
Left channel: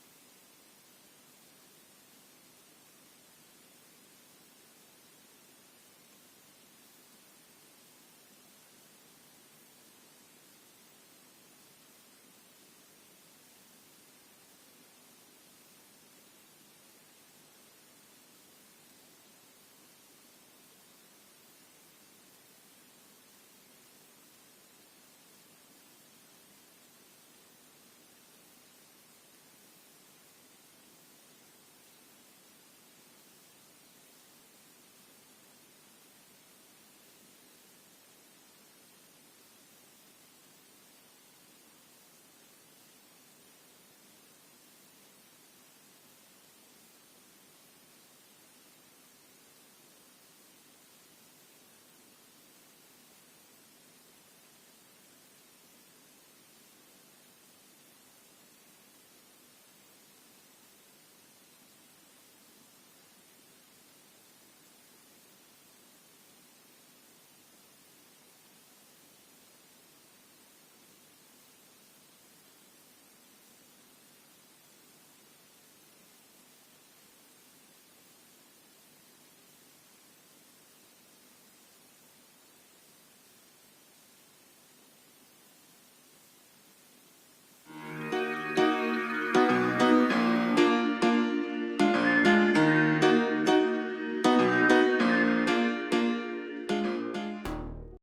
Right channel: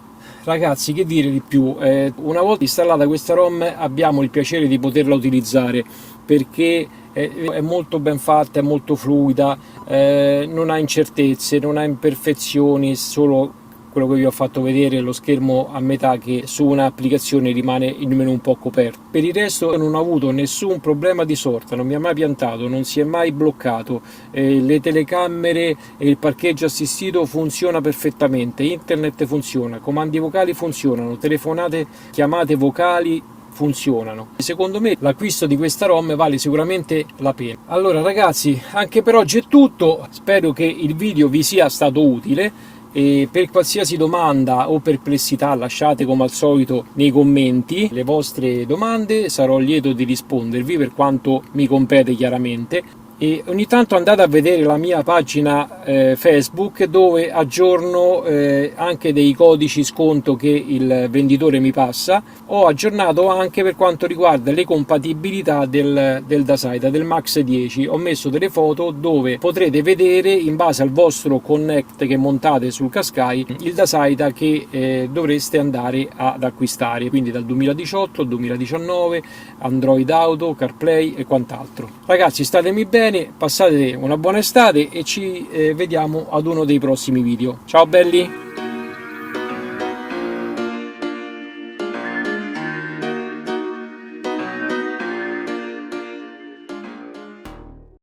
Ragazzi, che dire di più? Una volta installata questa ROM abbiamo il piacere di poterla utilizzare, perché è molto ben fatta, è molto fluida, non ha incertezze, non ha imperfezioni, solo quello che vi ho fatto vedere, lo schermo a metà che su un'applicazione rimane il menu un po' coperto. Per il resto non ho avuto nessun problema di sorta, non mi ha mai piantato, non si è mai bloccato, le telecamere e il parcheggio assistito funziona perfettamente, internet funziona, comandi vocali funzionano, telefonate, chiamate vocali funzionano. Secondo me l'acquisto di questa ROM vale sicuramente la pena. Allora ragazzi, anche per oggi è tutto, spero che il video vi sia stato utile. E per qualsiasi domanda o perplessità lasciate come al solito nei commenti le vostre domande, sarò lieto di rispondervi per quanto mi compete chiaramente. E ogni tanto andate a vedere la mia pagina Facebook, dove aggiorno anche dei codici sconto che il venditore mi passa. Ho aggiornato anche per quanto riguarda le compatibilità del Dasaita, del Max 10. Ho messo delle foto dove potrete vedere, in base al vostro Connect che montate sul Qashqai, il Dasaita che dovreste andare ad acquistare, quindi dal 2018 al 2019, Android Auto, CarPlay e quant'altro. Ragazzi, statemi bene, passate una buona estate e ci vediamo ad uno dei prossimi video. Ciao belli!